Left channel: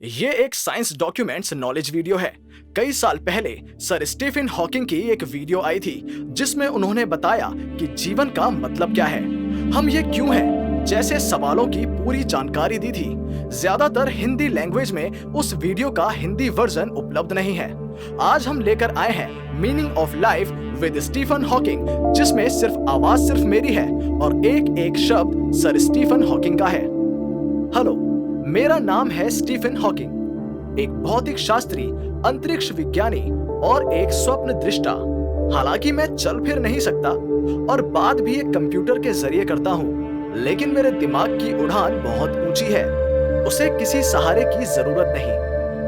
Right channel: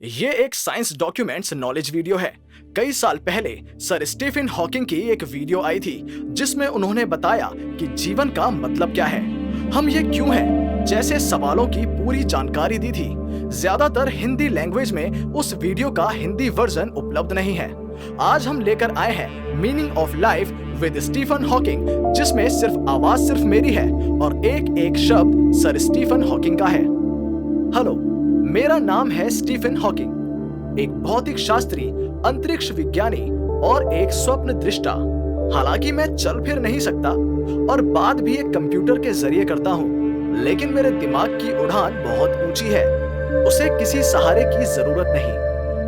ये एक science documents knowledge video है। कई साल पहले सर स्टीफन हॉकिंग की एक वीडियो आई थी जिसमें उन्होंने बताया कि जीवन का मतलब क्या है, हम ये क्यों हैं, जैसे सवालों की पूरी जानकारी दी थी। ज्यादातर हिंदी लैंग्वेज में उस वीडियो का हिंदी वर्जन उपलब्ध नहीं है। आज हम लेकर आए हैं meaning of life with Stephen Hawking, जिसमें सिर्फ आवाज सिर्फ मेरी है और एक एक शब्द सर स्टीफन हॉकिंग का है। हेलो, मेरा नाम है स्टीफन हॉकिंग, एक भौतिक शास्त्री, अंतरिक्ष विज्ञानी और एक स्वप्न दृष्टा। हालांकि मैं चल फिर नहीं सकता और बात भी एक कंप्यूटर के जरिए करता हूँ, लेकिन मेरे दिमाग की उड़ान बहुत ऊंची है, उसे किसी सहारे की जरूरत नहीं।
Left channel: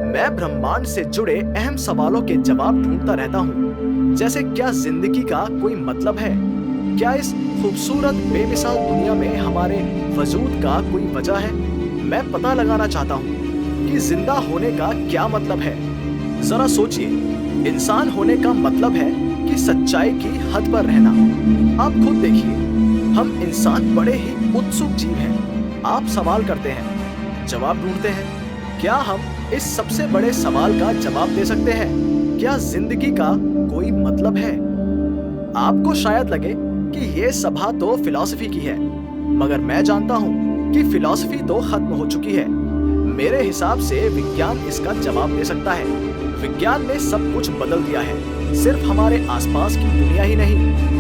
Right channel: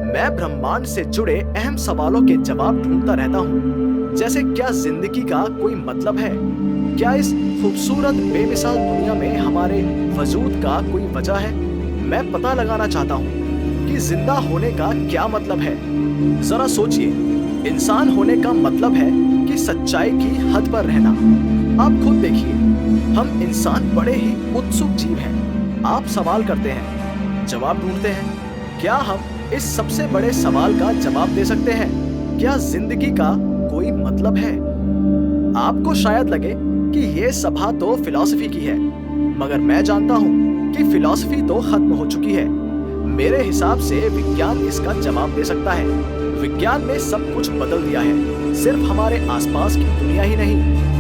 मैं ब्रह्मांड से जुड़े अहम सवालों के जवाब ढूंढता रहता हूँ, जैसे क्या जिंदगी का कोई मतलब है, क्या इस खूबसूरत बेमिसाल दुनिया में हमारे वजूद का कोई वजह है। मैं पता लगाना चाहता हूँ कि जिंदा होने का क्या मतलब है। जरा सोचिए, इंसान होने का मतलब है कि सच्चाई की हद पर रहना। आप खुद देखिए, हम इंसान बड़े ही उत्सुक जीव हैं। आप सवाल करते हैं, जवाब ढूंढते हैं। क्या हम इस सबसे बड़े सवाल का जवाब दे सकते हैं? क्या जिंदगी का कोई मतलब है? आपको शायद लगे कि ये सभा तो फिलॉसफी की है, मगर मैं जानता हूँ कि फिलॉसफी तो खत्म हो चुकी है। मेरे हिसाब से विज्ञान इसका जवाब दे सकता है। विज्ञान ने सब कुछ बदल दिया है, सिर्फ हमारे आसपास की दुनिया ही नहीं,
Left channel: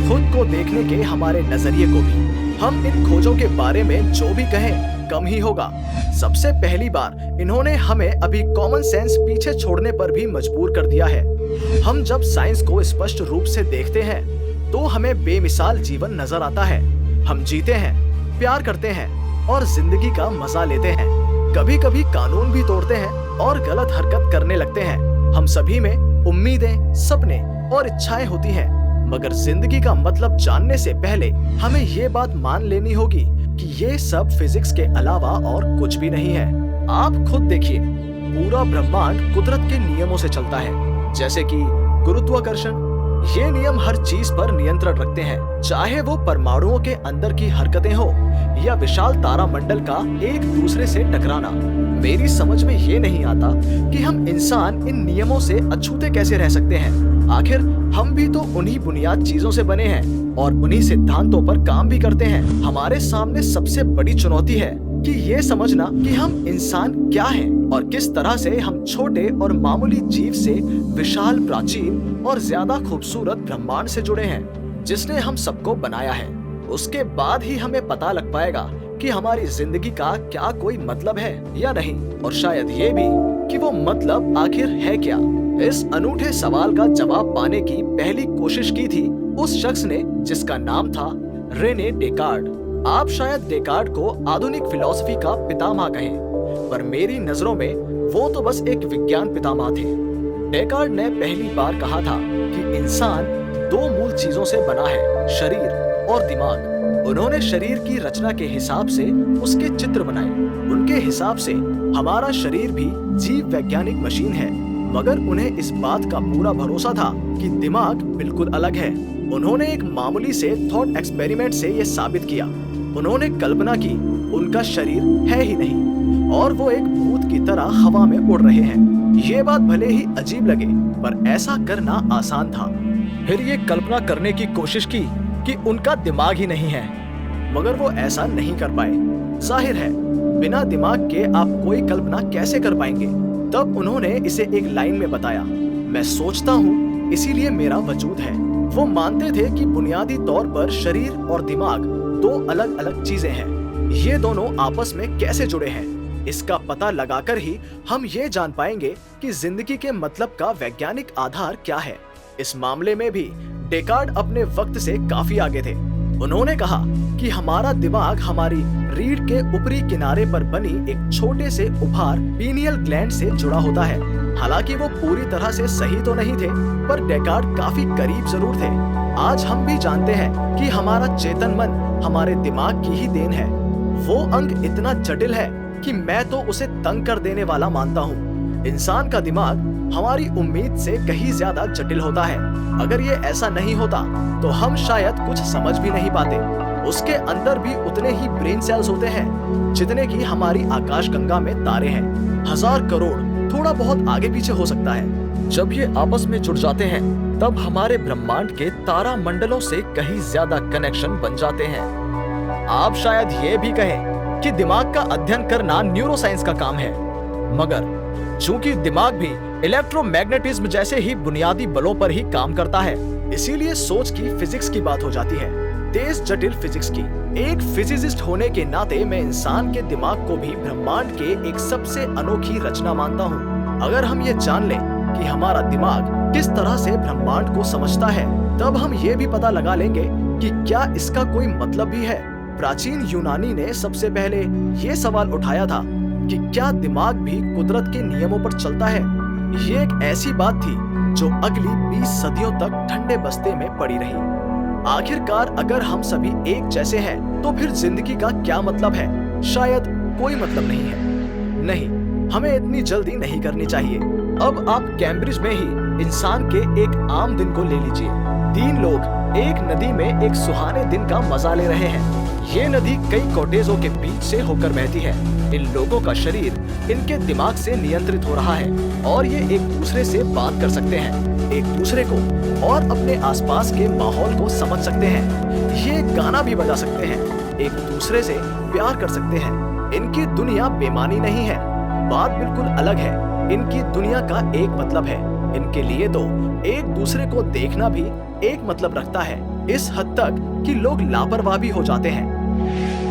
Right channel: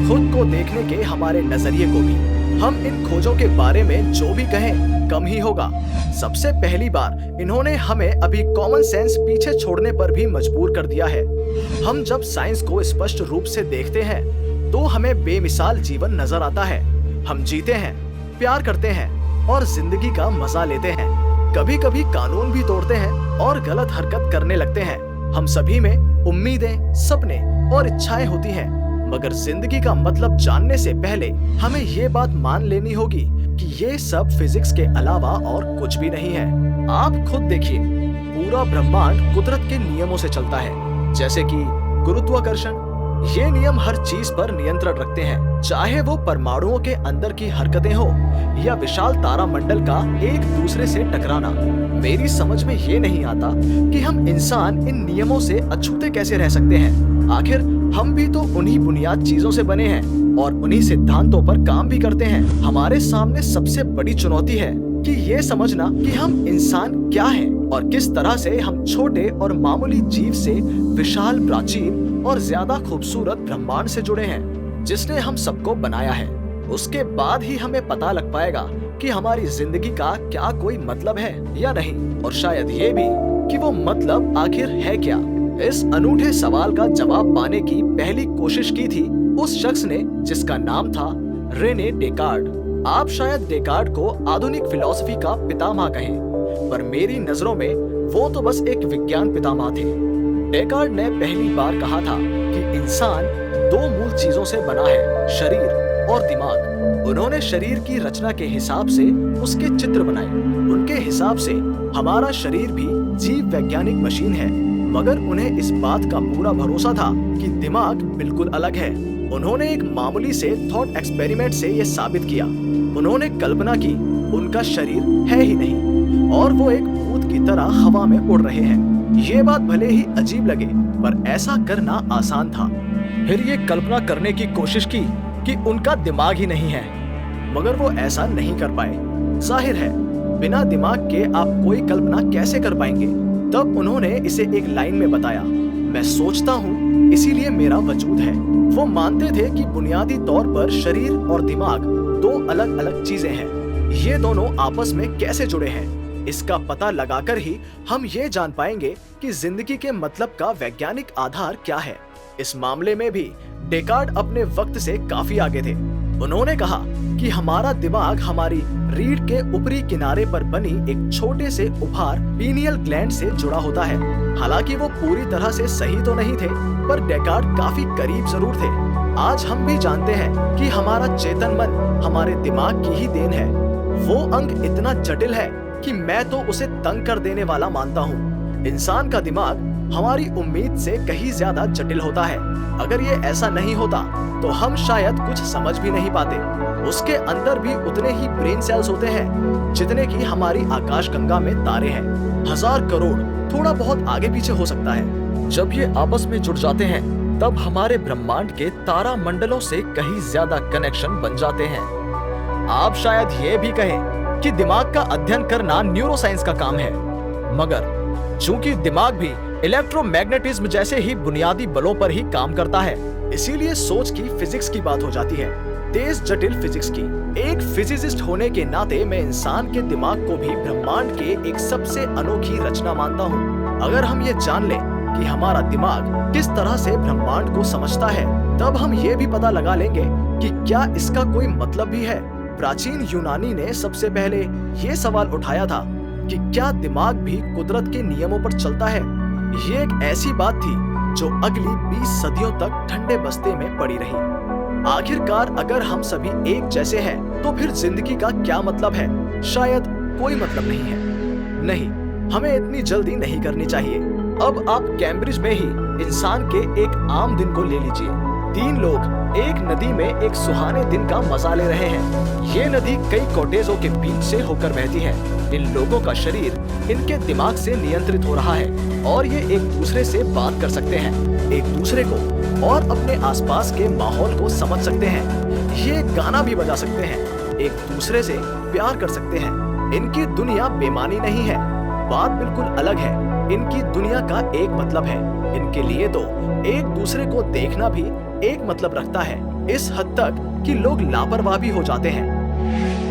खुद को देखने के हमारे नजरिए को भी। हम इन खोजों के बारे में जो भी कहें कम ही होगा। सबसे पहली बार इन्होंने हमें अभी कॉमन सेंस पीछे छोड़ने पर भी मजबूर कर दिया है। हम जब साइंस को स्पष्ट रूप से देखते हैं तो हमें बेमिसाल जीवन नजर आता है। हम जीते हैं, प्यार करते हैं और जिंदगी का मजा लेते हैं। कभी कभी कानून भी तोड़ते हैं और गलत हरकत करने लगते हैं। हम सभी में उम्मीदें, सपने और इच्छाएं होती हैं, मगर जिंदगी का मतलब जानने से पहले हमें ये बात मान लेनी होगी कि ये सब फिजिक्स के अलावा और कुछ भी नहीं है। आप खुद देखिए, पूरा ब्रह्मांड कुदरत के नियमों से चलता है, जैसे कि गुरुत्वाकर्षण। ये नियम हर चीज पर नियंत्रण रखते हैं, चाहे वो परमाणुओं के अंदर की हरकतें हो या विशाल तारामंडल का एक दूसरे से टकराना। मेरी समझ में ये नहीं आता कि हम इंसान इन नियमों से अछूते कैसे रह सकते हैं। आखिर हम भी तो उन्हीं बुनियाद चीजों से बने हैं और उन्हीं सिद्धांतों पर काम भी करते हैं। हमारे सामने सबसे बड़ी चुनौती है कि ये समझना कि हम इंसान क्या हैं और किस तरह से हम छोटे और मामूली जीव से विशाल, प्राचीन और ज्यादा खूबसूरत ब्रह्मांड से जुड़े हैं, जिसने हम सबको बनाया है। उसके बाद ही हमें पता लग पाएगा कि हमारी जिंदगी का क्या कोई मतलब है या नहीं, और शायद ये भी कि वो मतलब आखिर है क्या। इस अनूठे सवाल का जवाब पाने की पहली कोशिश की थी उस शख्स ने जिसका नाम था रेने डेकार्ड। आप शायद डेकार्ड को आधुनिक फिलॉसफी का पितामह कहें, पर मेरी नजरों में वो तो बस एक विज्ञान पितामह थे। डेकार्ड ने पहली बार कहा था कि इंसान दो मूल चीजों से बना है, शरीर और दिमाग। उन्होंने शरीर की रचना के हिसाब से उसके चित्र बनाए। उनके हिसाब से हमारा शरीर भी जीव वैज्ञानिक मशीन है, मगर उन्हें इस बात का पूरा भरोसा था कि दिमाग बिल्कुल अलग है। उन्होंने एक मामूली से थॉट एक्सपेरिमेंट से ये साबित किया। उन्होंने कल्पना की उनका शरीर है ही नहीं और वो एक भूत की तरह हवा में उड़ रहे हैं। ये बात भले ही अजीब लगे, पर ऐसा करना आसान था। फिर ये कल्पना करने की कोशिश की कि उनका दिमाग ही नहीं है, मगर वो ऐसा नहीं कर पाए। जाहिर है, बिना दिमाग के आप कोई कल्पना कैसे कर पाएंगे। तब उन्होंने इसे एक लाइन में बताया, मैं सोचता हूँ इसीलिए मेरा वजूद है। वो मानते थे कि बुनियादी तौर पर शरीर और दिमाग दो अलग अलग चीजें हैं। ये दोनों आपस में कैसे जुड़े हैं, इसका पता लगाकर ही हम ये जान पाएंगे कि जिंदगी के मतलब का वैज्ञानिक आधार क्या है। इस मामले में भी डेकार्ड अपने वक्त से काफी आगे थे। उन्होंने कहा कि हमारा दिमाग हमारी रीढ़ के ऊपरी किनारे पर बनी एक छोटे से उभार पीनियल ग्लैंड से जुड़ा होता है। हालांकि वो पूरी तरह से सही तो नहीं थे, पर डेकार्ड काफी करीब जरूर थे। आज हम भी जानते हैं कि हमारा चेतन मन हमारे दिमाग की ही देन है। वो अंग इतना जटिल है कि मैं तो उसे तंग कर देने वाला मानता हूँ। इंसान का दिमाग हमारी उम्मीद से कहीं ज्यादा जटिल होता है। अगर ये ऐसा नहीं होता तो हम शायद कुछ समझ भी नहीं पाते। उसके अंदर भी उतने ही ब्रेन सेल्स होते हैं जितने की हमारी आकाशगंगा में तारे हैं। 1000 करोड़ थोड़ा बहुत आगे पीछे हो सकता है। जब ये आपस में जुड़ जाते हैं तब हमारे ब्रह्मांड के तारा मंडलों से कहीं ज्यादा कनेक्शन बन जाते हैं। आप शायद ये भी कहें कि दिमाग का अध्ययन करना न्यूरोसाइंस का काम है, मगर चूंकि दिमाग भी इलेक्ट्रोमैग्नेटिज्म जैसे ही बुनियादी बलों पर ही काम करता है, इसीलिए सोच की फिजिक्स की बात हो जाती है, तेज जटिल फिजिक्स की। एक फिजिसिस्ट होने के नाते मैं इंसान के दिमाग को भी ब्रह्मांड के एक सबसे अनोखी रचना मानता हूँ। अगर हम ये जान लें कि हमारा दिमाग किस तरह से ब्रह्मांड को समझता है, तब हम ये भी पता लगा लेंगे कि क्या इसका कोई मतलब भी है। प्राचीन यूनानी ने सबसे पहले ये सवाल उठाया था कि क्या दिमाग भी कुदरत के नियमों पर चलता है। ये एक ऐसी बात थी जो अगली 20 सदियों तक ठंडे बस्ते में पड़ी रही। आखिरकार अगर हम सभी एक जैसे हैं, तो फिर जिंदगी का क्या मतलब है? शायद कोई मतलब नहीं है। नहीं, हमें इतनी जल्दी नहीं करनी चाहिए। अब आप कैम्ब्रिज में ही इंसान के एक आम दिन को ले लीजिए। 3 लोग एक नदी में एक सुहाने दिन का मजा ले रहे हैं। ये नदी कई कॉटेजों के बीच से होकर बहती है। इन लोगों का शरीर इनके दिमाग से नियंत्रित हो रहा है और ये एक दूसरे से बात कर सकते हैं, एक दूसरे को और अपने आसपास के माहौल को समझ सकते हैं। ये गाना भी बजा सकते हैं, एक दूसरे से प्यार कर सकते हैं। इनकी दुनिया बेमानी नहीं है, बात बिल्कुल अलग है। इनकी दुनिया का एक मतलब है। इनके लिए तो एक दूसरे को देखना भी एक मतलब रखता है, इस हद तक कि लोग लापरवाह भी हो जाते हैं।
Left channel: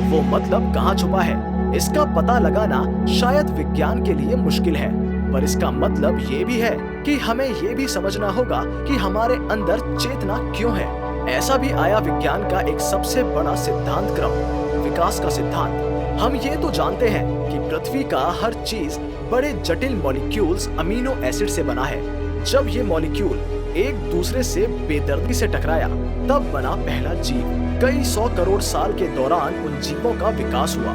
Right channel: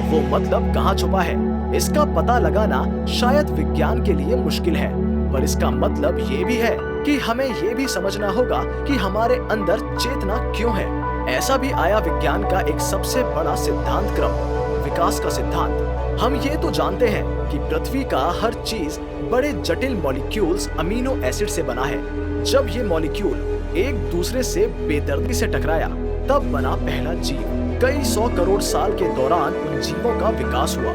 वो मतलब कहाँ छुपा है, इसका पता लगाना शायद विज्ञान के लिए मुश्किल है, पर इसका मतलब ये भी है कि हमें ये भी समझना होगा कि हमारे अंदर चेतना क्यों है। ऐसा भी आया विज्ञान का एक सबसे बड़ा सिद्धांत क्रम, विकास का सिद्धांत। हम ये तो जानते हैं कि पृथ्वी का हर चीज बड़े जटिल मॉलिक्यूल्स अमीनो एसिड से बना है। जब ये मॉलिक्यूल एक दूसरे से बेदर्दी से टकराया, तब बना पहला जीव। कई 100 करोड़ साल के दौरान उन जीवों का विकास हुआ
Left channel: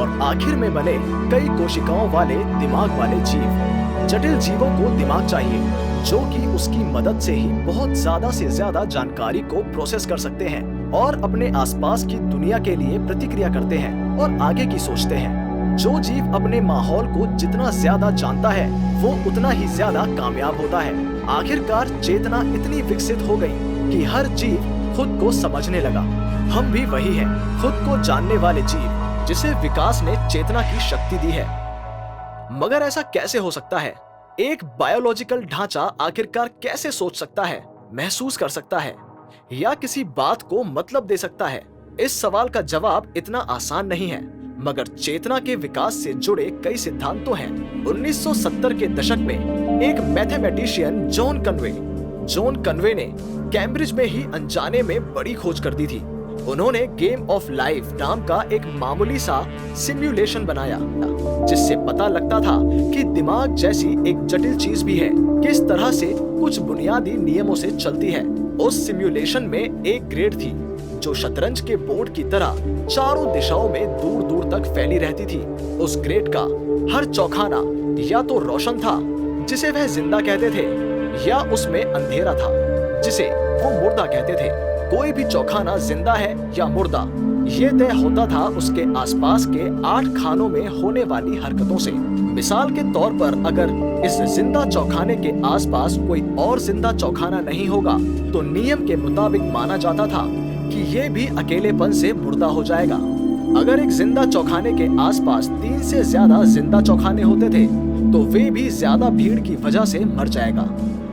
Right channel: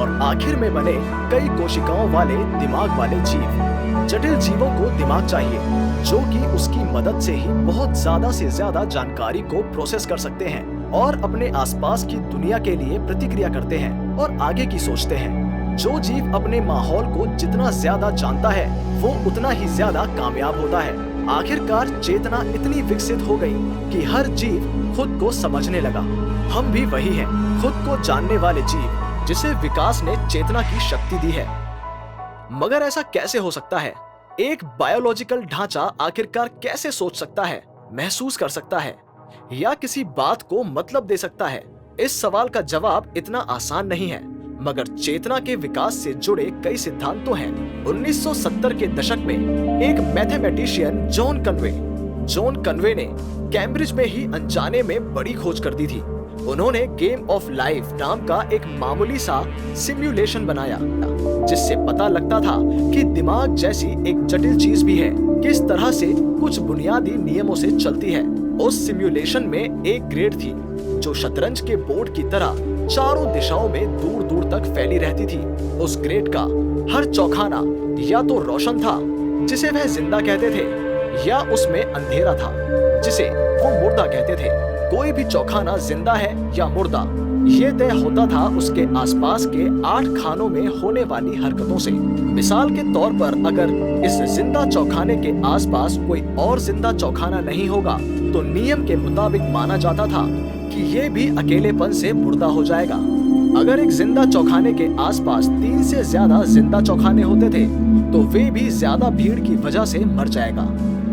और आखिर में बने कई कोशिकाओं वाले दिमाग वाले जीव। जटिल जीवों को दिमाग चाहिए, जो कि उसकी मदद से ही बहुत ज्यादा से ज्यादा जानकारी को प्रोसेस कर सकते हैं और अपने आसपास की दुनिया के लिए प्रतिक्रिया करते हैं और आगे की सोचते हैं। जो जीव अपने माहौल को जितना ज्यादा जानता है, वो उतना ही ज्यादा कामयाब होता है। आखिरकार चेतना इतनी विकसित हो गई कि हर जीव खुद को समझने लगा। हम भी वही हैं, खुद को जानने वाले जीव, जिसे विकास ने चेतना की शक्ति दी है। मगर ऐसा कैसे हो सकता है? एक बायोलॉजिकल ढांचा आखिरकार कैसे सोच सकता है, महसूस कर सकता है या किसी बात को मतलब दे सकता है? इस सवाल का जवाब इतना आसान नहीं है, मगर चेतना के विकास से जुड़े कई सिद्धांत तो हैं। 1970 के दशक में एक मैथमेटिशियन जॉन कन्वे ने कैम्ब्रिज में ही अनजाने में बड़ी खोज कर दी थी। उन्होंने गेम ऑफ लाइफ नाम का एक मामूली सा सिमुलेशन बनाया, जिससे पता लगता था कि दिमाग जैसी एक जटिल चीज भी है, किस तरह से कुछ बुनियादी नियमों से चलती है। उस सिमुलेशन में एक ग्रेड थी जो शतरंज के बोर्ड की तरह चारों दिशाओं में दूर दूर तक फैली रहती थी। उस ग्रेड का हर चौखाना या तो रोशन था, जिसे वह जिंदा कहते थे, या उसमें अंधेरा था, जिसे वो मुर्दा कहते थे। कोई भी चौखाना जिंदा है या मुर्दा, ये तय होता था उसके आसपास के 8 खानों में होने वाली हरकतों से। मिसाल के तौर पर अगर इस जिंदा चौखाने के आसपास कोई और जिंदा चौखाना नहीं होगा, तो नियम के मुताबिक माना जाता था कि ये भी अकेलेपन से मुर्दा हो जाएगा। अगर एक जिंदा चौखाने के आसपास 3 से ज्यादा जिंदा चौखाने होते थे, तो वे भी ज्यादा भीड़ की वजह से मर जाएगा।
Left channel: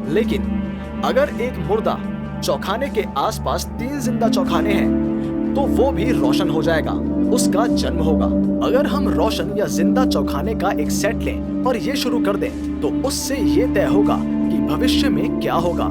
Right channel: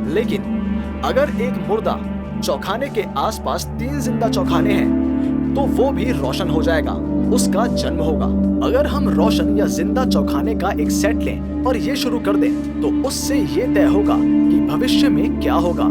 लेकिन अगर एक मुर्दा चौखाने के आसपास 3 जिंदा चौखाने हैं, तो वो भी रोशन हो जाएगा, उसका जन्म होगा। अगर हम रोशन या जिंदा चौखाने का एक सेट लें और ये शुरू कर दें, तो उससे ये तय होगा कि भविष्य में क्या होगा।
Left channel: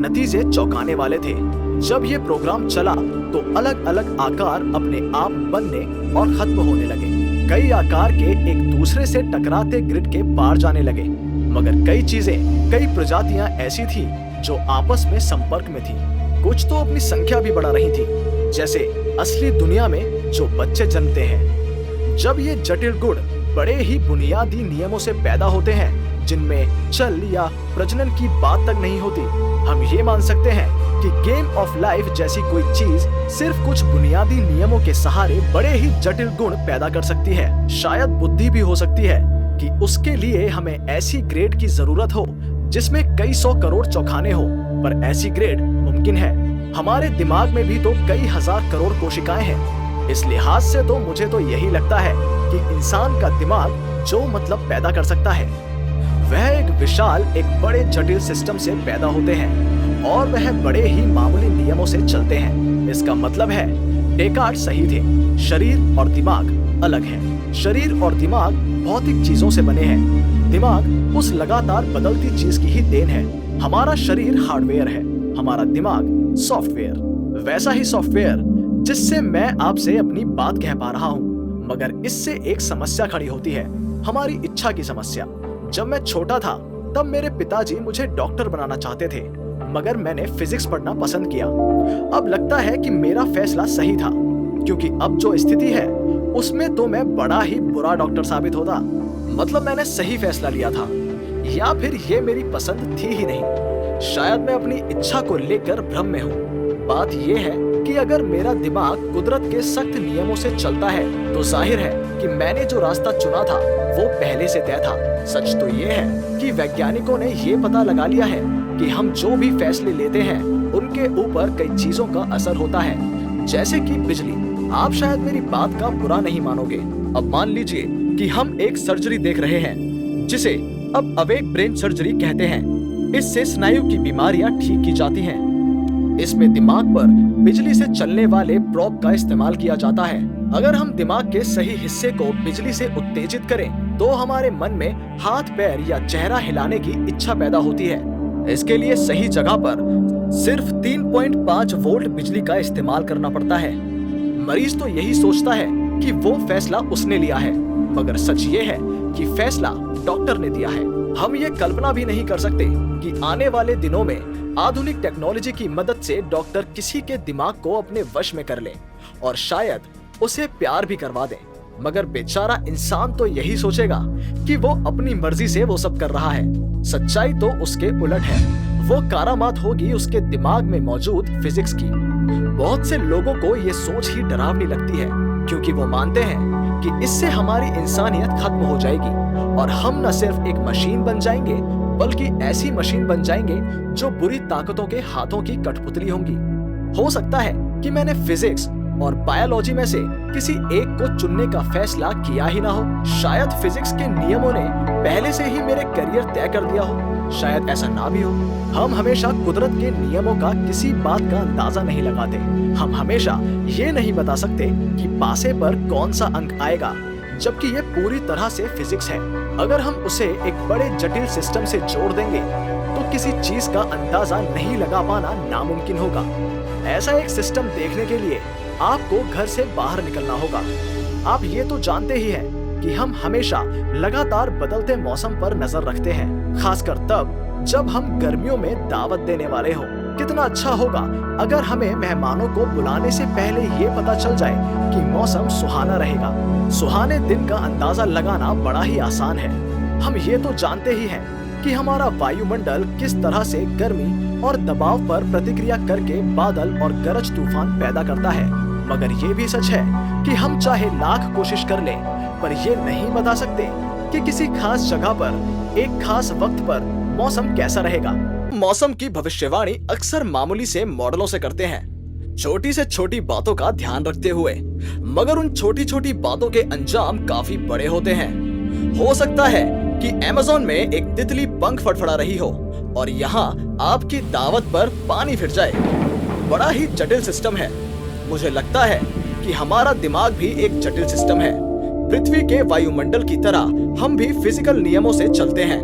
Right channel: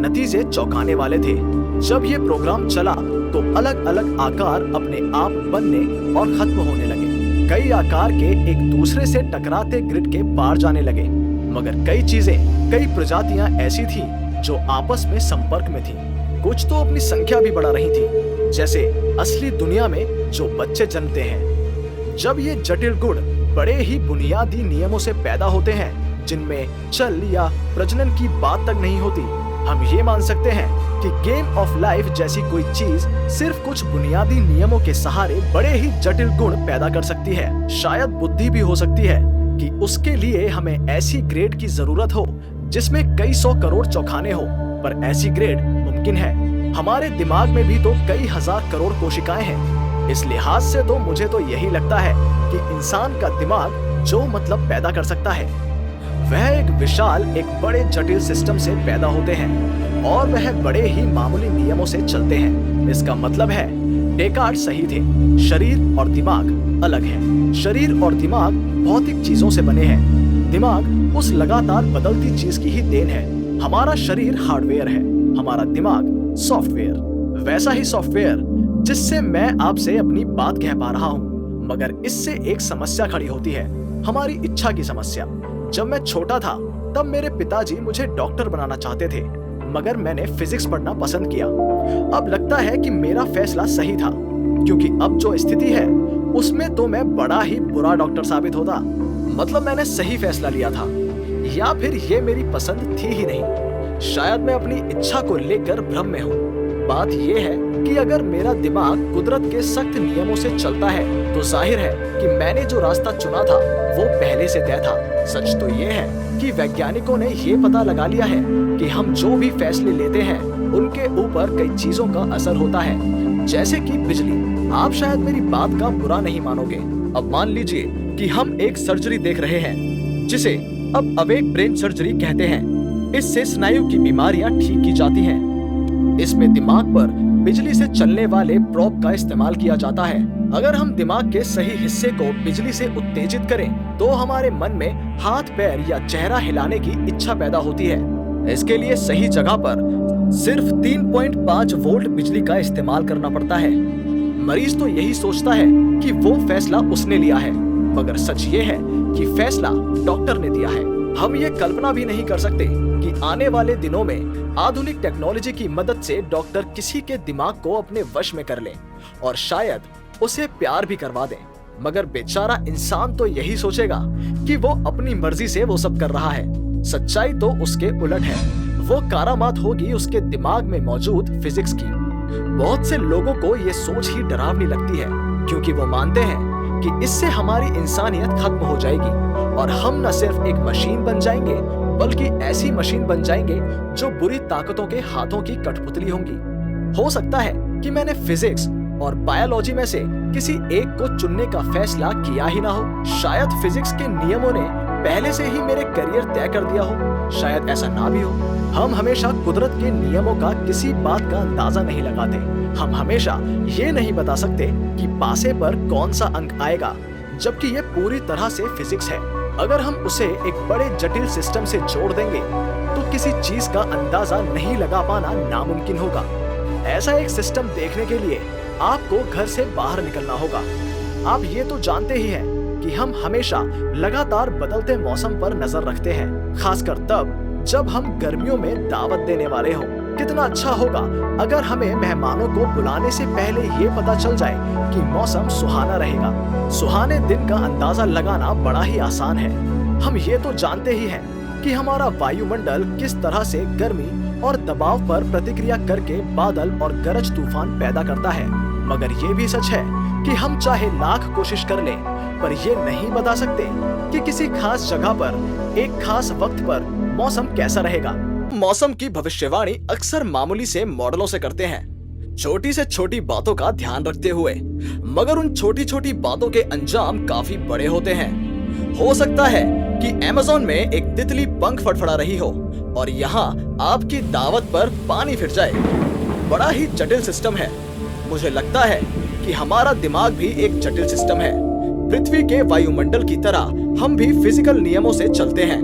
नतीजे चौंकाने वाले थे। जब ये प्रोग्राम चला, तो अलग अलग आकार अपने आप बनने और खत्म होने लगे। कई आकार के एक दूसरे से टकराते ग्रिड के पार जाने लगे, मगर कई चीजें, कई प्रजातियां ऐसी थी जो आपस में संपर्क में थी। कुछ तो अपनी संख्या भी बढ़ा रही थी, जैसे असली दुनिया में जो बच्चे जन्मते हैं। जब ये जटिल गुण बड़े ही बुनियादी नियमों से पैदा होते हैं, जिनमें चल या प्रजनन की बात तक नहीं होती, हम ये मान सकते हैं कि गेम ऑफ लाइफ जैसी कोई चीज सिर्फ कुछ बुनियादी नियमों के सहारे बड़े ही जटिल गुण पैदा कर सकती है। शायद बुद्धि भी हो सकती है, कि उसके लिए हमें ऐसी ग्रेड की जरूरत हो जिसमें कई 100 करोड़ चौखाने हो, पर ऐसी ग्रेड मुमकिन है। हमारे दिमाग में भी तो कई हजार करोड़ कोशिकाएं हैं। इस लिहाज से तो मुझे तो यही लगता है कि इंसान का दिमाग जो मतलब पैदा कर सकता है वह एक विशाल, एक बड़े जटिल सिस्टम से पैदा होते हैं और वह बड़े ही मामूली नियमों से चलते हैं। इसका मतलब है डेकार्ट सही थे, शरीर और दिमाग अलग है। शरीर और दिमाग भौतिक चीजों से बने हैं। दिमाग उस लगातार बदलती चीज की ही देन है। हमारा शरीर हार्डवेयर है, हमारा दिमाग सॉफ्टवेयर। वैसा ही सॉफ्टवेयर जिससे मैं आपसे अपनी बात कह पा रहा हूँ। मगर इससे एक समस्या खड़ी होती है, हमारी इच्छा की समस्या। जब मैं छोटा था तब मेरे पिताजी मुझे डॉक्टर बनाना चाहते थे, मगर मैंने फिजिक्स पढ़ना पसंद किया। अब लगता है कि मेरा फैसला सही था, क्योंकि अब जो स्थिति है उसमें तो मैं बड़ा ही बुरा डॉक्टर साबित होता। मतलब मैंने सही फैसला लिया था, या फिर ये मेरी पसंद थी ही नहीं। शायद मैं अपनी इच्छा को लेकर भ्रम में हूँ। बात यह है कि अगर मेरा दिमाग कुदरत के सख्त नियमों से चलता है तो जाहिर है कि मैंने जो रास्ता चुना था वो पहले से तय था। सच तो ये है कि वैज्ञानिकों ने ये पता लगा लिया है कि हम जो भी फैसले लेते हैं उनके ऊपर कई चीजों का असर होता है, जैसे कि बिजली। आप शायद मेरी बात का बुरा नहीं मानोगे। अब मान लीजिए कि हम एक सर्जरी देख रहे हैं जिसे अब अवेक ब्रेन सर्जरी कहते हैं। इससे स्नायु की बीमारियां ठीक की जाती हैं। इसमें दिमाग पर बिजली से चलने वाले प्रोब का इस्तेमाल किया जाता है। अगर हम दिमाग के सही हिस्से को बिजली से उत्तेजित करें तो हमारे मन में हाथ, पैर या चेहरा हिलाने की इच्छा पैदा होती है। इसके लिए सही जगह पर सिर्फ 3.5 वोल्ट बिजली का इस्तेमाल करना पड़ता है। मरीज तो यही सोचता है कि वो फैसला उसने लिया है, मगर सच ये है कि फैसला डॉक्टर ने दिया है। हम ये कल्पना भी नहीं कर सकते कि आने वाले दिनों में आधुनिक टेक्नोलॉजी की मदद से डॉक्टर किसी के दिमाग को अपने वश में कर ले और शायद उसे प्यार भी करवा दे। मगर बेचारा इंसान तो यही सोचेगा कि वो अपनी मर्जी से वो सब कर रहा है। सच्चाई तो उसके उलट है। वो कारामात होगी उसके दिमाग में मौजूद फिजिक्स की। बहुत से लोगों को ये सोच ही डरावनी लगती है, क्योंकि वो मानते हैं कि इससे हमारी इंसानियत खत्म हो जाएगी और हम न सिर्फ एक मशीन बन जाएंगे बल्कि ऐसी मशीन बन जाएंगे जो बुरी ताकतों के हाथों की कठपुतली होंगी। हो सकता है कि मैंने फिजिक्स और बायोलॉजी में से किसी एक को चुनने का फैसला किया ही ना हो। शायद फिजिक्स के नियमों ने पहले से ही मेरे करियर तय कर दिया हो, शायद ऐसा ना भी हो। हम हमेशा कुदरत के नियमों का किसी बात का अंदाजा नहीं लगाते। हम हमेशा ये नहीं बता सकते कि पासे पर कौन सा अंक आएगा, जबकि ये पूरी तरह से फिजिक्स है। अगर हम उसे एक बड़े जटिल सिस्टम से जोड़ देंगे तो किसी चीज का अंदाजा नहीं लगा पाना नामुमकिन होगा। ऐसा एक सिस्टम देखने के लिए आपको घर से बाहर निकलना होगा। आप ये तो जानते ही हैं कि हम हमेशा लगातार बदलते मौसम पर नजर रखते हैं, खासकर तब जब हम गर्मियों में दावत देने वाले हों। कितना अच्छा होगा अगर हमें मेहमानों को बुलाने से पहले ये पता चल जाए कि मौसम सुहाना रहेगा। सुहाने दिन का अंदाजा लगाना बड़ा ही आसान है। हम ये तो जानते ही हैं कि हमारा वायुमंडल किस तरह से गर्मी और दबाव पर प्रतिक्रिया करके बादल और गरज तूफान पैदा करता है। मगर ये भी सच है कि हम चाहे लाख कोशिश कर लें, पर ये नहीं बता सकते कि किसी खास जगह पर एक खास वक्त पर मौसम कैसा रहेगा। मौसम की भविष्यवाणी अक्सर मामूली से मॉडलों से करते हैं, छोटी से छोटी बातों का ध्यान रखते हुए, मगर उन छोटी छोटी बातों के अंजाम काफी बड़े होते हैं। हो सकता है कि अमेज़न में एक तितली पंख फड़फड़ा रही हो और यहाँ आपकी दावत पर पानी फिर जाए। बड़ा ही जटिल सिस्टम है। मुझे लगता है कि हमारा दिमाग भी एक जटिल सिस्टम है। पृथ्वी के वायुमंडल की तरह हम भी फिजिकल नियमों से चलते हैं,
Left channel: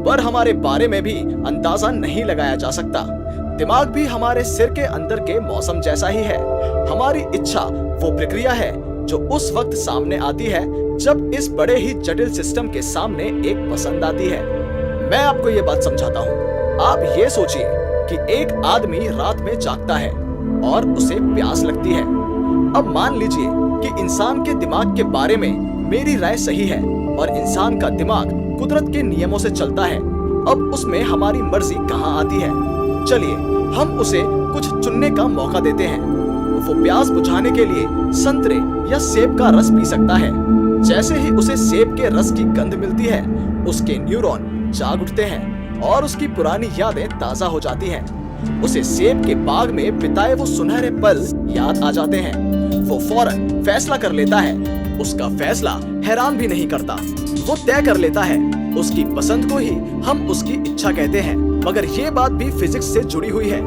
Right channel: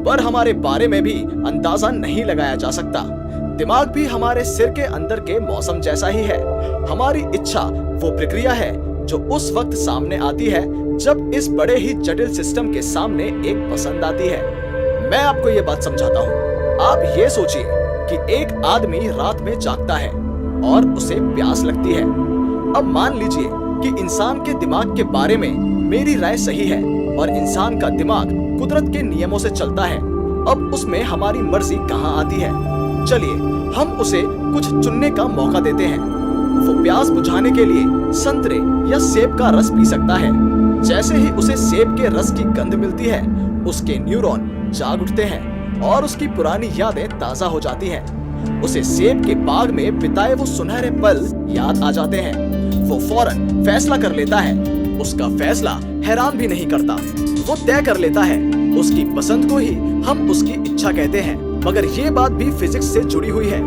पर हमारे बारे में भी अंदाजा नहीं लगाया जा सकता। दिमाग भी हमारे सिर के अंदर के मौसम जैसा ही है। हमारी इच्छा वो प्रक्रिया है जो उस वक्त सामने आती है जब इस बड़े ही जटिल सिस्टम के सामने एक पसंद आती है। मैं आपको ये बात समझाता हूँ। आप ये सोचिए कि एक आदमी रात में जागता है और उसे प्यास लगती है। अब मान लीजिए कि इंसान के दिमाग के बारे में मेरी राय सही है और इंसान का दिमाग कुदरत के नियमों से चलता है। अब उसमें हमारी मर्जी कहाँ आती है? चलिए हम उसे कुछ चुनने का मौका देते हैं। वो प्यास बुझाने के लिए संतरे या सेब का रस पी सकता है, जैसे ही उसे सेब के रस की गंध मिलती है, उसके न्यूरॉन जाग उठते हैं और उसकी पुरानी यादें ताजा हो जाती हैं। उसे सेब के बाग में बिताए वो सुनहरे पल याद आ जाते हैं। वो फौरन फैसला कर लेता है। उसका फैसला हैरान भी नहीं करता। वो तय कर लेता है उसकी पसंद को ही हम उसकी इच्छा कहते हैं। मगर ये बात भी फिजिक्स से जुड़ी हुई है।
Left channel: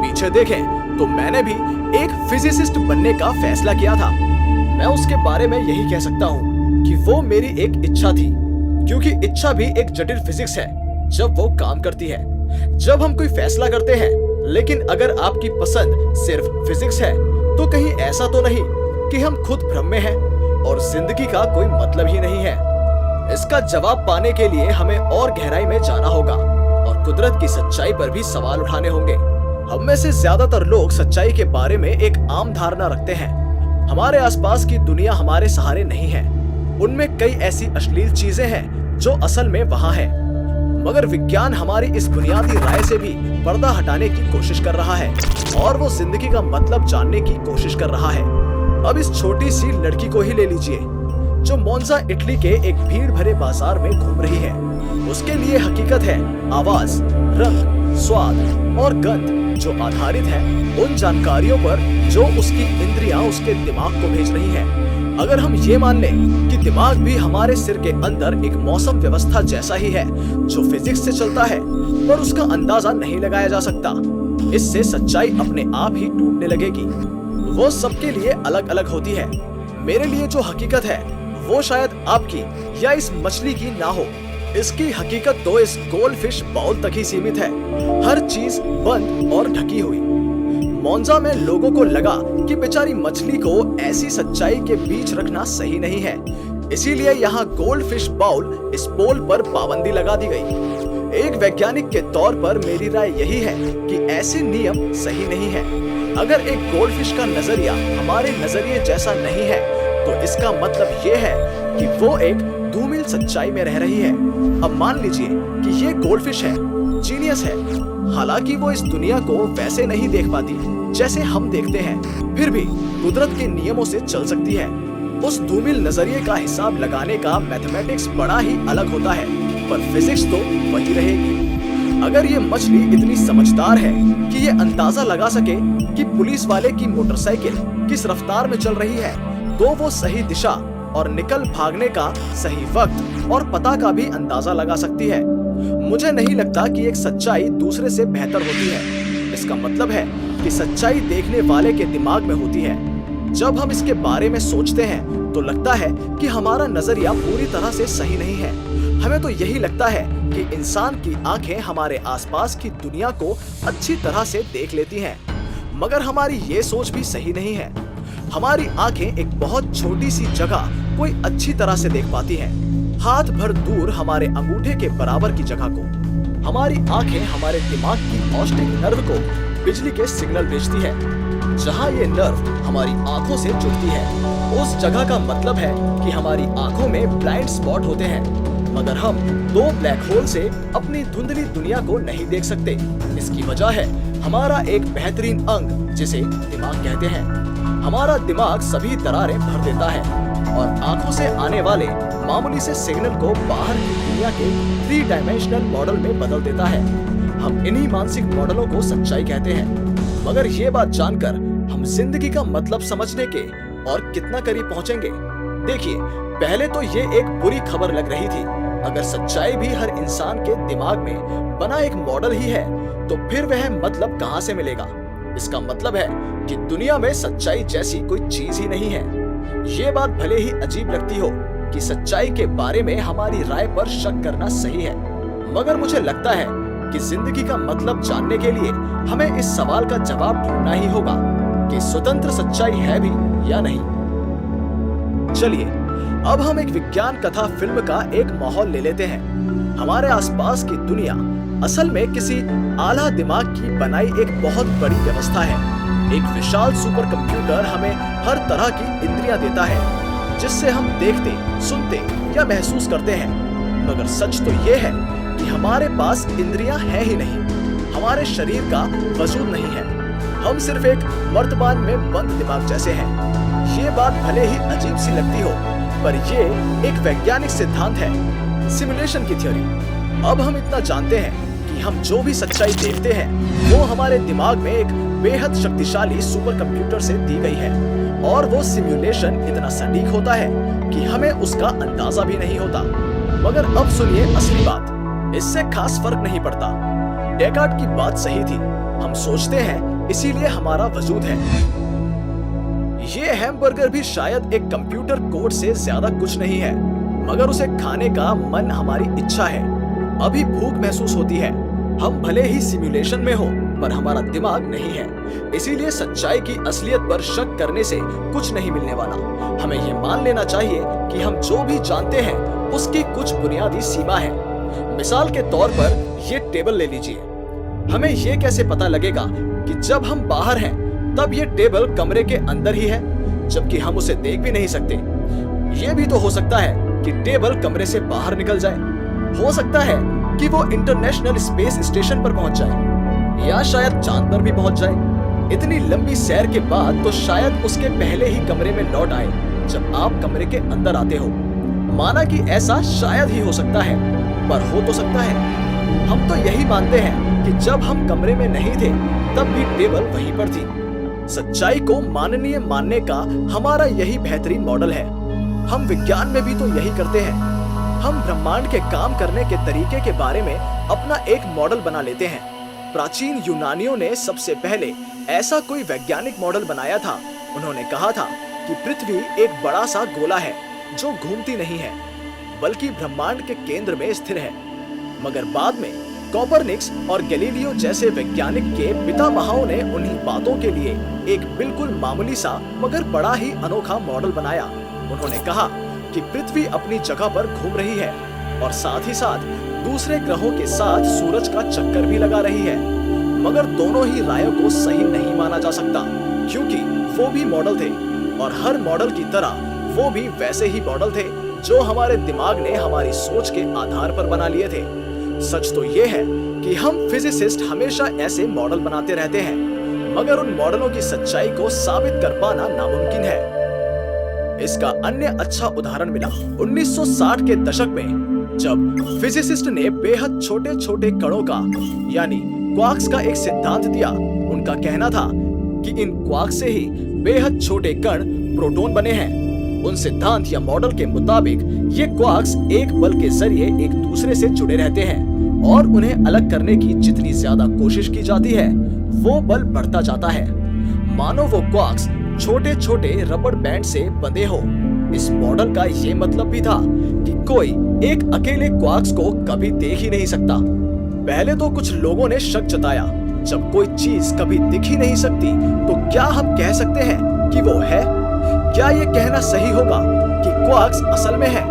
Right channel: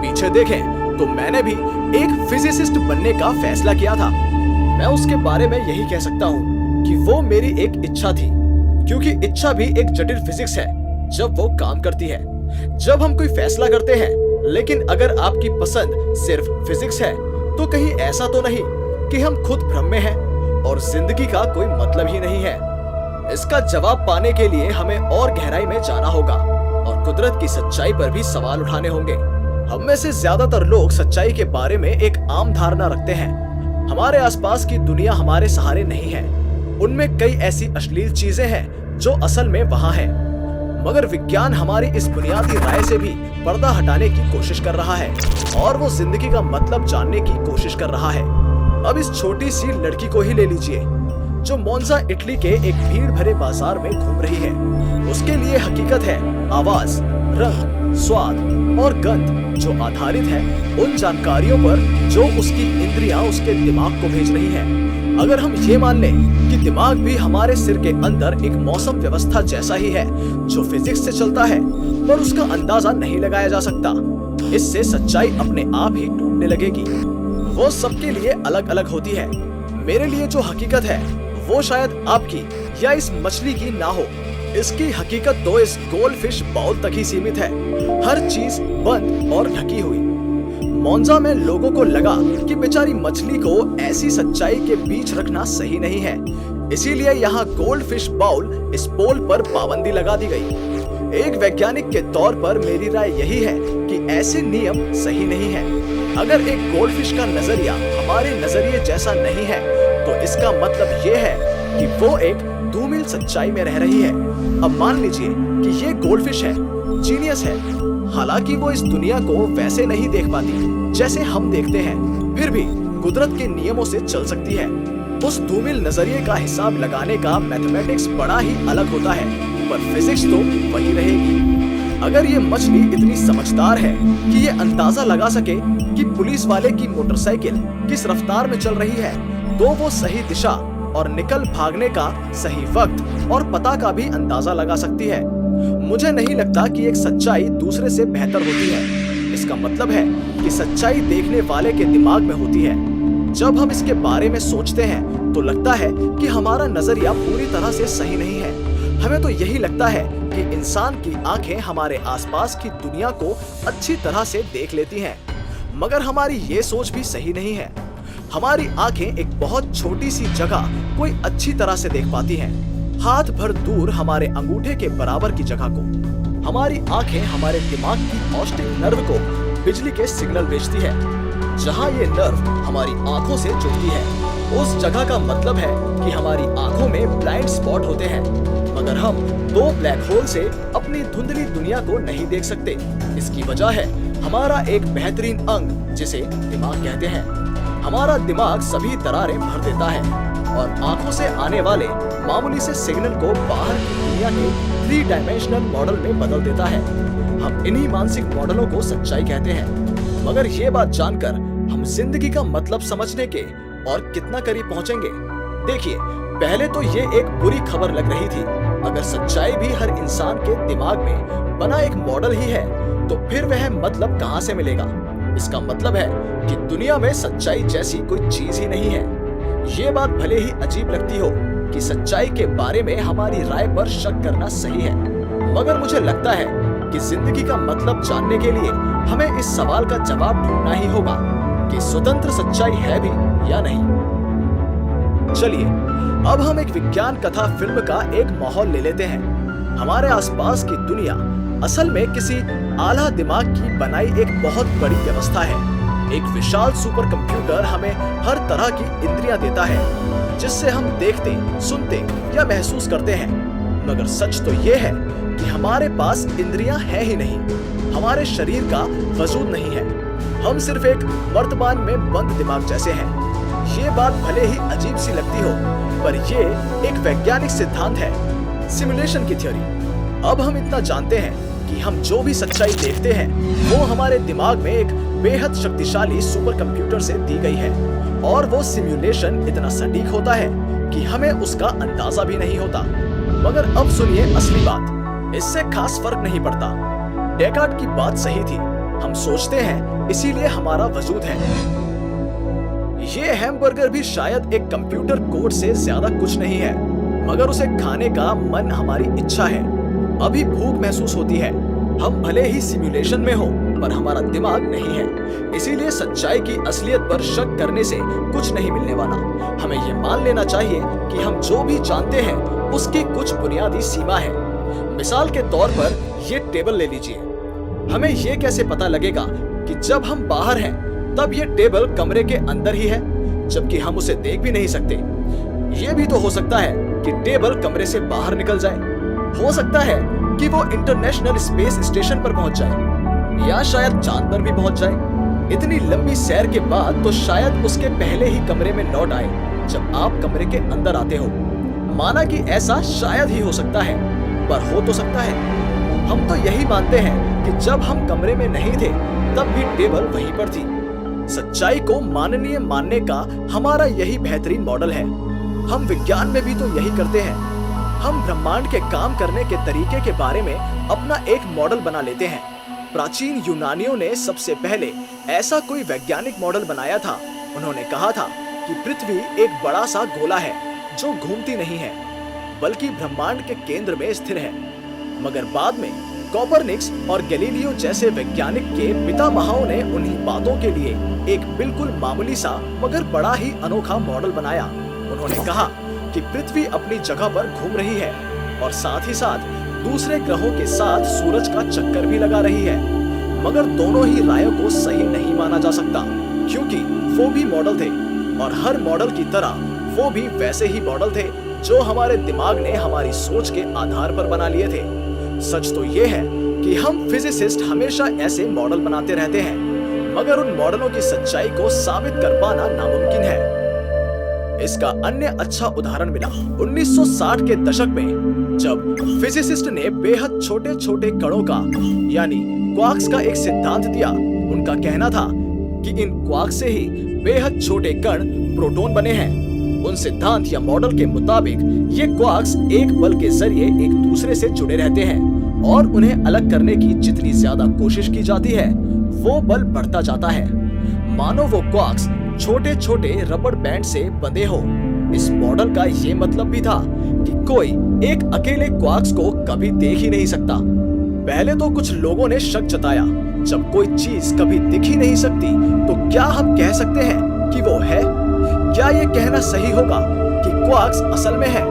पीछे देखें तो मैंने भी एक फिजिसिस्ट बनने का फैसला किया था। मैं उसके बारे में यही कह सकता हूँ कि वो मेरी एक इच्छा थी, क्योंकि इच्छा भी एक जटिल फिजिक्स है जब वो काम करती है। जब हम कोई फैसला करते हैं, लेकिन अगर आपकी पसंद सिर्फ फिजिक्स है, तो कहीं ऐसा तो नहीं कि हम खुद भ्रम में हैं और जिंदगी का कोई मतलब ही नहीं है। इसका जवाब पाने के लिए हमें और गहराई में जाना होगा और कुदरत की सच्चाई पर भी सवाल उठाने होंगे। हम में से ज्यादातर लोग सच्चाई के बारे में एक आम धारणा रखते हैं। हमारे आसपास की दुनिया हमारे सहारे नहीं है। उनमें कई ऐसी अश्लील चीजें हैं जो असल में वहां है। मगर विज्ञान हमारी इस बुनियादी राय से भी पर्दा हटाने की कोशिश कर रहा है और वो जिंदगी का मतलब जानने की कोशिश कर रहा है। अब इस छोटी सी लड़की को ही ले लीजिए, जो मोन्जा इटली के एक भीड़ भरे बाजार में घूम रही है। उसके लिए हकीकत है आवाज, रंग, स्वाद और गंध, जो आधारित है उन जानकारियों पर जो उसकी इंद्रियां उसके दिमाग को भेज रही हैं। अगर हम ये मान लें कि दिमाग भी हमारे सिर के अंदर एक मौसम व्यवस्था जैसा ही है जो फिजिक्स से चलता है, पर उसका अंदाजा नहीं लगाया जा सकता, इससे सच्चाई अपने आप ही टूटने लगेगी। वो सबके लिए अलग अलग होती है। मेरे लिए जो हकीकत है वो शायद आपकी या इस मछली की ना हो। इसकी हकीकत तो इस गोल्डफिश बाउल तक ही सीमित है, हर चीज बंद और ढकी हुई। मोन्जा में लोगों को लगा कि बेचारी मछली को ऐसी सच्चाई के बीच रखना सही नहीं है, इसीलिए यहाँ गोल्डफिश बाउल इस पोल पर पाबंदी लगा दी गई। एक वैज्ञानिक के तौर पर मेरी राय यही है कि ऐसे नियम सही नहीं है। अगर एक गोल्डफिश का नजरिया हमारे नजरिए जैसा नहीं है, तो इसका मतलब ये है कि वो एक धूमिल सच्चाई में रह रही है। अब मान लीजिए कि ये गोल्डफिश है, जीनियस है, हालांकि वो इस दुनिया को वैसे नहीं देख पाती जैसे हम देखते हैं, फिर भी कुदरत के नियमों से चल सकती है। उस धूमिल नजरिए का हिसाब लगाने का मैथमेटिक्स बड़ा ही अलग होता है, पर फिजिक्स तो वही रहेगी। अगर ये मछली इतनी समझदार है कि ये अंदाजा लगा सके कि पुलिस वाले की मोटरसाइकिल किस रफ्तार में चल रही है, तो वो सही दिशा और निकल भागने का सही वक्त और पता का भी अंदाजा लगा सकती है। मुझे नहीं लगता कि एक सच्चाई दूसरे से बेहतर होती है। इसका मतलब है कि सच्चाई देखने वाले के दिमाग में होती है। जब हम इसके बारे में सोचते हैं तो लगता है कि हमारा नजरिया पूरी तरह से सही नहीं है। हमें तो यही लगता है कि इंसान की आंखें हमारे आसपास की दुनिया को अच्छी तरह से देख लेती हैं, मगर हमारी ये सोच भी सही नहीं है। हमारी आंखें एक बहुत छोटी सी जगह कोई अच्छी तरह से देख पाती हैं, हाथ भर दूर हमारे अंगूठे के बराबर की जगह को। हमारी आंखें हमारे दिमाग की ऑप्टिक नर्व को बिजली के सिग्नल भेजती है। जहां ये नर्व हमारी आंखों से जुड़ती है, उस जगह का मतलब है कि हमारी आंखों में ब्लाइंड स्पॉट होते हैं, मगर हम दो ब्लैक होल से अपनी धुंधली दुनिया को नहीं देख सकते। इसकी वजह है हमारा एक बेहतरीन अंग जिसे दिमाग कहते हैं। हमारा दिमाग सभी दरारें भर देता है और आंखों से आने वाले मामूली से सिग्नल को बाहर की दुनिया के 3 डायमेंशनल मॉडल में बदल देता है। हम इन्हीं मानसिक मॉडलों को सच्चाई कहते हैं। मगर ये बात जानकर हम जिंदगी का मतलब समझने के और कितना करीब पहुंचेंगे। देखिए, पहले तो ये एक बुरी खबर लग रही थी। अगर सच्चाई भी हर इंसान के दिमाग में बना एक मॉडल ही है, तो फिर वह मतलब कहां से मिलेगा? इसका मतलब है कि दुनिया में सच्चाई जैसी कोई चीज ही नहीं है। ये बात भले ही अजीब लगती हो कि सच्चाई के बारे में हमारी राय पर शक करना सही है, मगर मुझे लगता है कि जिंदगी का मतलब जानने के लिए हमें इस सवाल का जवाब ढूंढना ही होगा कि स्वतंत्र सच्चाई है भी या नहीं। चलिए, अब हम एक विज्ञान कथा फिल्म का एक माहौल ले लेते हैं। हमारे आसपास की दुनिया असल में किसी आला दिमाग की बनाई एक बहुत बड़ी व्यवस्था है। एक विशाल सुपर कंप्यूटर हमें हर तरह की इंद्रियां देता है, जिससे हम देखते, सुनते या महसूस करते हैं। मगर सच तो ये है कि हमारे पास इंद्रियां हैं ही नहीं, हमारे शरीर का वजूद नहीं है। हम सिर्फ एक मर्तबान में बंद दिमाग जैसे हैं। ये बात भले ही अजीब सी लगती हो, पर ये एक वैज्ञानिक सिद्धांत है, सिमुलेशन की थ्योरी। अब हम इतना जानते हैं कि हम जो भी सच्चाई देखते हैं वो हमारे दिमाग में एक बेहद शक्तिशाली सुपर कंप्यूटर से दी गई है, और वो सिमुलेशन इतना सटीक होता है कि हमें उसका अंदाजा भी नहीं होता। मगर अब सुनिए असली बात, इससे खास फर्क नहीं पड़ता। डेकार्ट की बात सही थी, हम सोचते हैं इसीलिए हमारा वजूद है। ये हैमबर्गर भी शायद एक कंप्यूटर कोड से ज्यादा कुछ नहीं है, मगर उसे खाने का मन हमारी इच्छा है। अभी भूख महसूस होती है, हम भले ही सिमुलेशन में हो पर हमारा दिमाग नहीं है। इसीलिए सच्चाई की असलियत पर शक करने से कुछ नहीं मिलने वाला। हमें ये मान लेना चाहिए कि हम जो भी जानते हैं उसकी कुछ बुनियादी सीमा है। मिसाल के तौर पर ये टेबल ले लीजिए। हमें ये कैसे पता लगेगा कि जब हम बाहर हैं तब ये टेबल कमरे के अंदर ही है, जबकि हम उसे देख भी नहीं सकते। ये भी तो हो सकता है कि टेबल कमरे से बाहर निकल जाए, हो सकता है कि वो इंटरनेशनल स्पेस स्टेशन पर पहुंच जाए, या शायद चांद पर भी पहुंच जाए। इतनी लंबी सैर के बाद तो शायद उसके पहले ही कमरे में लौट आए जब आप कमरे के अंदर आते हो। माना कि ऐसा शायद ही हो सकता है, पर हो तो सकता है। हम तो यही मानते हैं कि जब हम कमरे में नहीं थे तब भी टेबल वहीं पर थी। सच्चाई को माननीय मानने का हमारा यही बेहतरीन मॉडल है। हम विज्ञान में भी तो यही करते हैं। हम ब्रह्मांड के काम करने के तरीके के बारे में अपना एक मॉडल बना लेते हैं। प्राचीन यूनानियों ने सबसे पहले ऐसा कोई वैज्ञानिक मॉडल बनाया था। उन्होंने कहा था कि पृथ्वी एक बड़ा सा गोला है जो घूमती नहीं है, बल्कि ब्रह्मांड के केंद्र में स्थिर है। मगर बाद में कोपरनिकस और गैलीलियो जैसे वैज्ञानिक के पितामहों ने उन्हीं बातों के लिए एक बिल्कुल मामूली सा मगर बड़ा ही अनोखा मॉडल बनाया। उन्होंने कहा कि पृथ्वी अपनी जगह पर घूम रही है और साथ ही साथ दूसरे ग्रहों के साथ सूरज का चक्कर भी लगा रही है। मगर दोनों ही रायों को सही नहीं माना जा सकता, क्योंकि वो भी मॉडल थे और हर मॉडल की तरह वो भी वैसे ही मॉडल थे जो हमारे दिमाग ने हमारी सोच के आधार पर बना लिए थे। सच तो ये है कि हम फिजिसिस्ट हमेशा ऐसे मॉडल बनाते रहते हैं, मगर उन मॉडलों की सच्चाई को साबित कर पाना नामुमकिन है। इसका अन्य अच्छा उदाहरण मिला 1960 के दशक में, जब फिजिसिस्ट ने बेहद छोटे छोटे कणों का यानी क्वार्क्स का एक सिद्धांत दिया। उनका कहना था कि इन क्वार्क्स से ही बेहद छोटे कण प्रोटॉन बने हैं। उन सिद्धांत या मॉडल के मुताबिक ये क्वार्क्स एक बल के जरिए एक दूसरे से जुड़े रहते हैं, और उन्हें अलग करने की जितनी ज्यादा कोशिश की जाती है वो बल बढ़ता जाता है, मानो वो क्वार्क्स छोटे छोटे रबड़ बैंड से बंधे हो। इस मॉडल का ये मतलब भी था कि कोई एक अकेले क्वार्क्स को कभी देख ही नहीं सकता। पहले तो कुछ लोगों ने शक जताया, जब कोई चीज कभी दिख ही नहीं सकती तो क्या हम कह सकते हैं कि वो है? क्या ये कहना सही होगा कि क्वार्क्स असल में है?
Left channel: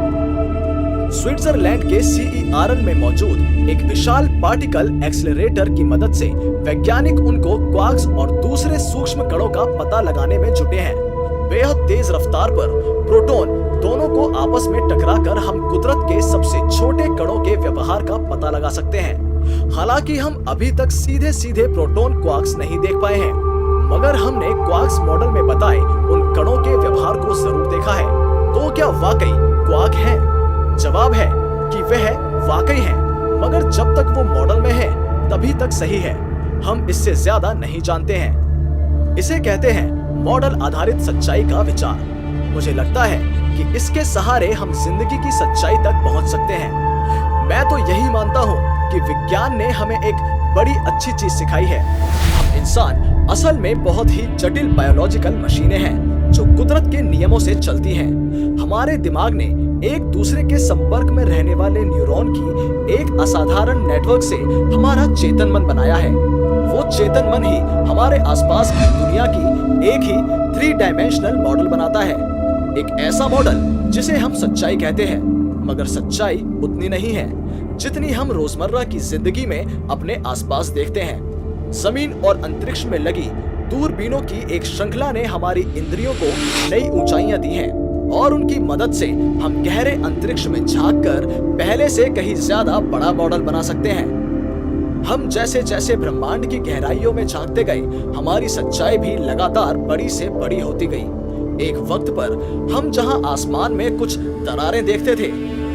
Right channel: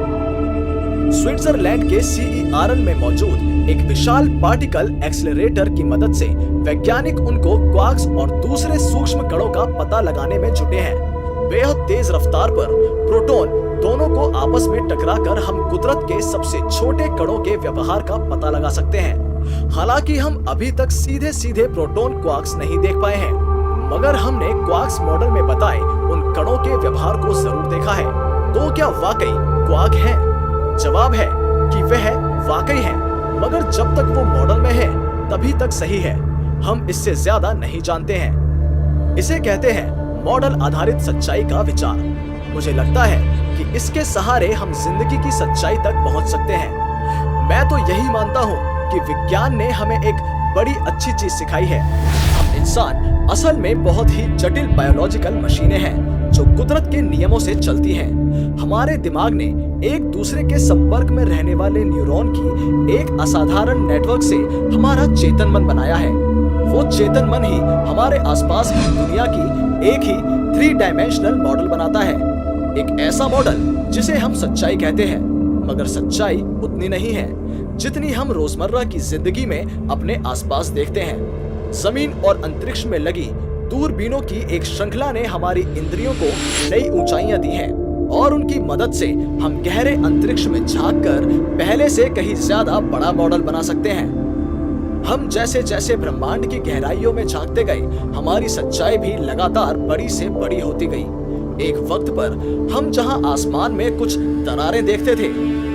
स्विट्जरलैंड के CERN में मौजूद एक विशाल पार्टिकल एक्सेलरेटर की मदद से वैज्ञानिक उनको क्वार्क्स और दूसरे सूक्ष्म कणों का पता लगाने में जुटे हैं। बेहद तेज रफ्तार पर प्रोटॉन दोनों को आपस में टकराकर हम कुदरत के सबसे छोटे कणों के व्यवहार का पता लगा सकते हैं। हालांकि हम अभी तक सीधे सीधे प्रोटॉन क्वार्क्स नहीं देख पाए हैं, मगर हमने क्वार्क्स मॉडल में बताए उन कणों के व्यवहार को जरूर देखा है। तो क्या वाकई क्वार्क है? जवाब है कि वह वाकई है, मगर जब तक वो मॉडल में है तभी तक सही है। हम इससे ज्यादा नहीं जानते हैं। इसे कहते हैं मॉडल आधारित सच्चाई का विचार। मुझे लगता है कि इसके सहारे हम जिंदगी की सच्चाई तक पहुंच सकते हैं। मैं तो यही मानता हूं कि विज्ञान ने हमें एक बड़ी अच्छी चीज सिखाई है। हम इंसान असल में बहुत ही जटिल बायोलॉजिकल मशीनें हैं जो कुदरत के नियमों से चलती हैं। हमारे दिमाग ने एक दूसरे के संपर्क में रहने वाले न्यूरॉन की एक असाधारण नेटवर्क से हमारा चेतन मन बनाया है। वो चेतन मन ही हमारे आसपास की दुनिया की एक ही 3 डायमेंशनल मॉडल बनाता है। एक ऐसा मॉडल जिसे हम सच्चाई कहते हैं, मगर सच्चाई उतनी नहीं है जितनी हम रोजमर्रा की जिंदगी में अपने आसपास देखते हैं। जमीन और अंतरिक्ष में लगी दूरबीनों की एक श्रृंखला ने हमारी इंद्रियों को नई ऊंचाइयां दी हैं, और उनकी मदद से हम गहरे अंतरिक्ष में झांककर पहले से कहीं ज्यादा बड़ा मॉडल बना सकते हैं। हम जैसे जैसे ब्रह्मांड की गहराइयों में झांकते गए, हमारी सच्चाई भी लगातार बड़ी से बड़ी होती गई। एक वक्त पर हम जहां आसमान में कुछ दरारें देखते थे,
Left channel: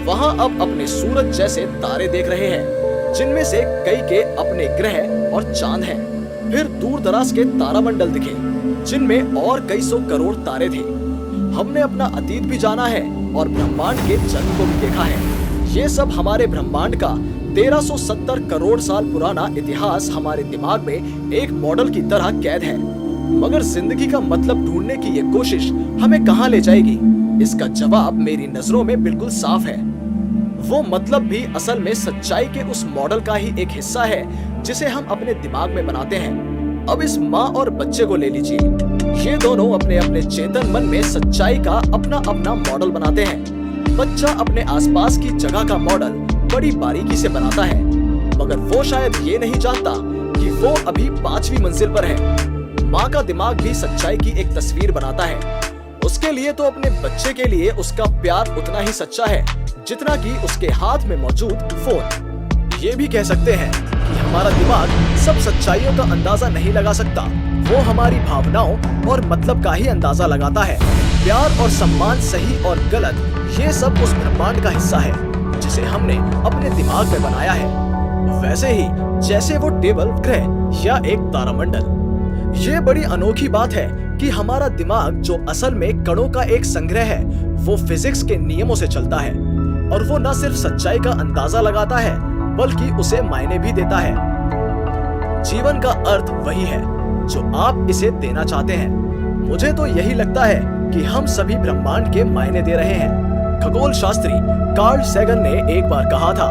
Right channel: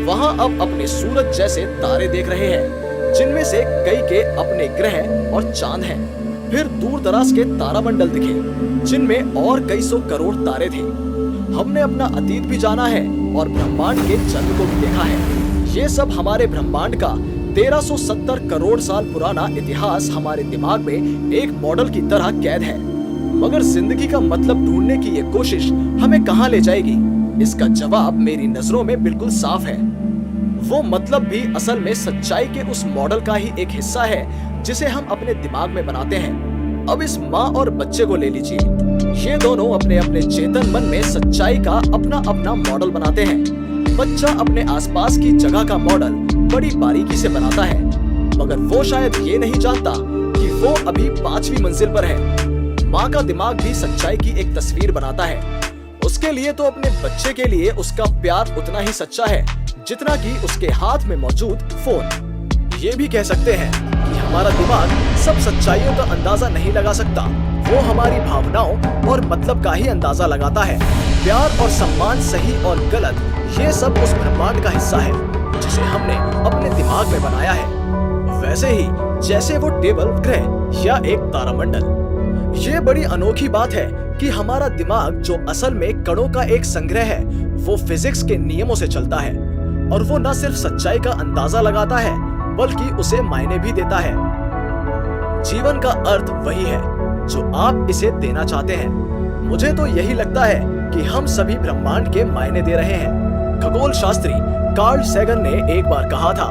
वहां अब अपने सूरज जैसे तारे देख रहे हैं, जिनमें से कई के अपने ग्रह और चांद हैं। फिर दूर दराज के तारामंडल दिखे, जिनमें और कई सौ करोड़ तारे थे। हमने अपना अतीत भी जाना है और ब्रह्मांड के जन्म को भी देखा है। ये सब हमारे ब्रह्मांड का 1370 करोड़ साल पुराना इतिहास हमारे दिमाग में एक मॉडल की तरह कैद है। मगर जिंदगी का मतलब ढूंढने की ये कोशिश हमें कहां ले जाएगी? इसका जवाब मेरी नजरों में बिल्कुल साफ है। वो मतलब भी असल में सच्चाई के उस मॉडल का ही एक हिस्सा है जिसे हम अपने दिमाग में बनाते हैं। अब इस माँ और बच्चे को ले लीजिए। ये दोनों अपने अपने चेतन मन में सच्चाई का अपना अपना मॉडल बनाते हैं। बच्चा अपने आसपास की जगह का मॉडल बड़ी बारीकी से बनाता है, मगर वो शायद ये नहीं जानता कि वो अभी 5वीं मंजिल पर है। माँ का दिमाग भी सच्चाई की एक तस्वीर बनाता है। उसके लिए तो अपने बच्चे के लिए उसका प्यार उतना ही सच्चा है जितना कि उसके हाथ में मौजूद फोन। ये भी कह सकते हैं कि हमारा दिमाग सब सच्चाइयों का अंदाजा नहीं लगा सकता। वो हमारी भावनाओं और मतलब का ही अंदाजा लगाता है। प्यार और सम्मान, सही और गलत, ये सब उस ब्रह्मांड का हिस्सा है जिसे हमने अपने दिमाग में बनाया है। वैसे ही जैसे वो टेबल, ग्रह या एक तारामंडल। ये बड़ी अनोखी बात है कि हमारा दिमाग, जो असल में कणों का एक संग्रह है, वो फिजिक्स के नियमों से चलता है। और वो न सिर्फ सच्चाई का अंदाजा लगाता है, बल्कि उसे मायने भी देता है। जीवन का अर्थ वही है जो आप इसे देना चाहते हैं। मुझे तो यही लगता है कि हम सभी ब्रह्मांड के मायने दे रहे हैं। खगोल शास्त्री कार्ल सैगन ने एक बार कहा था,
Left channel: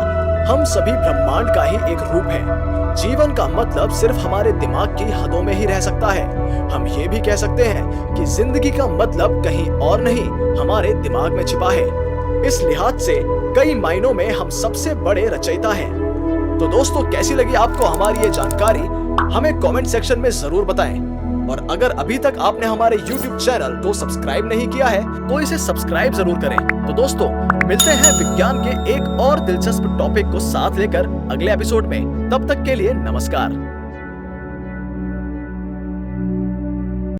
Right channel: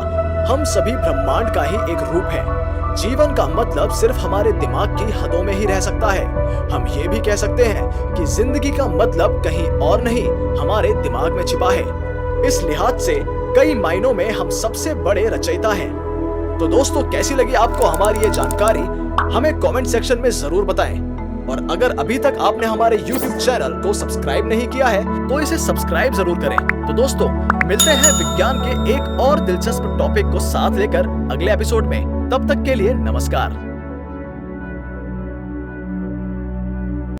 हम सभी ब्रह्मांड का ही एक रूप हैं। जीवन का मतलब सिर्फ हमारे दिमाग की हदों में ही रह सकता है। हम ये भी कह सकते हैं कि जिंदगी का मतलब कहीं और नहीं, हमारे दिमाग में छिपा है। इस लिहाज से कई मायनों में हम सबसे बड़े रचयिता हैं। तो दोस्तों, कैसी लगी आपको हमारी ये जानकारी? हमें कमेंट सेक्शन में जरूर बताएं। और अगर अभी तक आपने हमारे YouTube चैनल को सब्सक्राइब नहीं किया है तो इसे सब्सक्राइब जरूर करें। तो दोस्तों, मिलते हैं विज्ञान के एक और दिलचस्प टॉपिक को साथ लेकर अगले एपिसोड में। तब तक के लिए नमस्कार।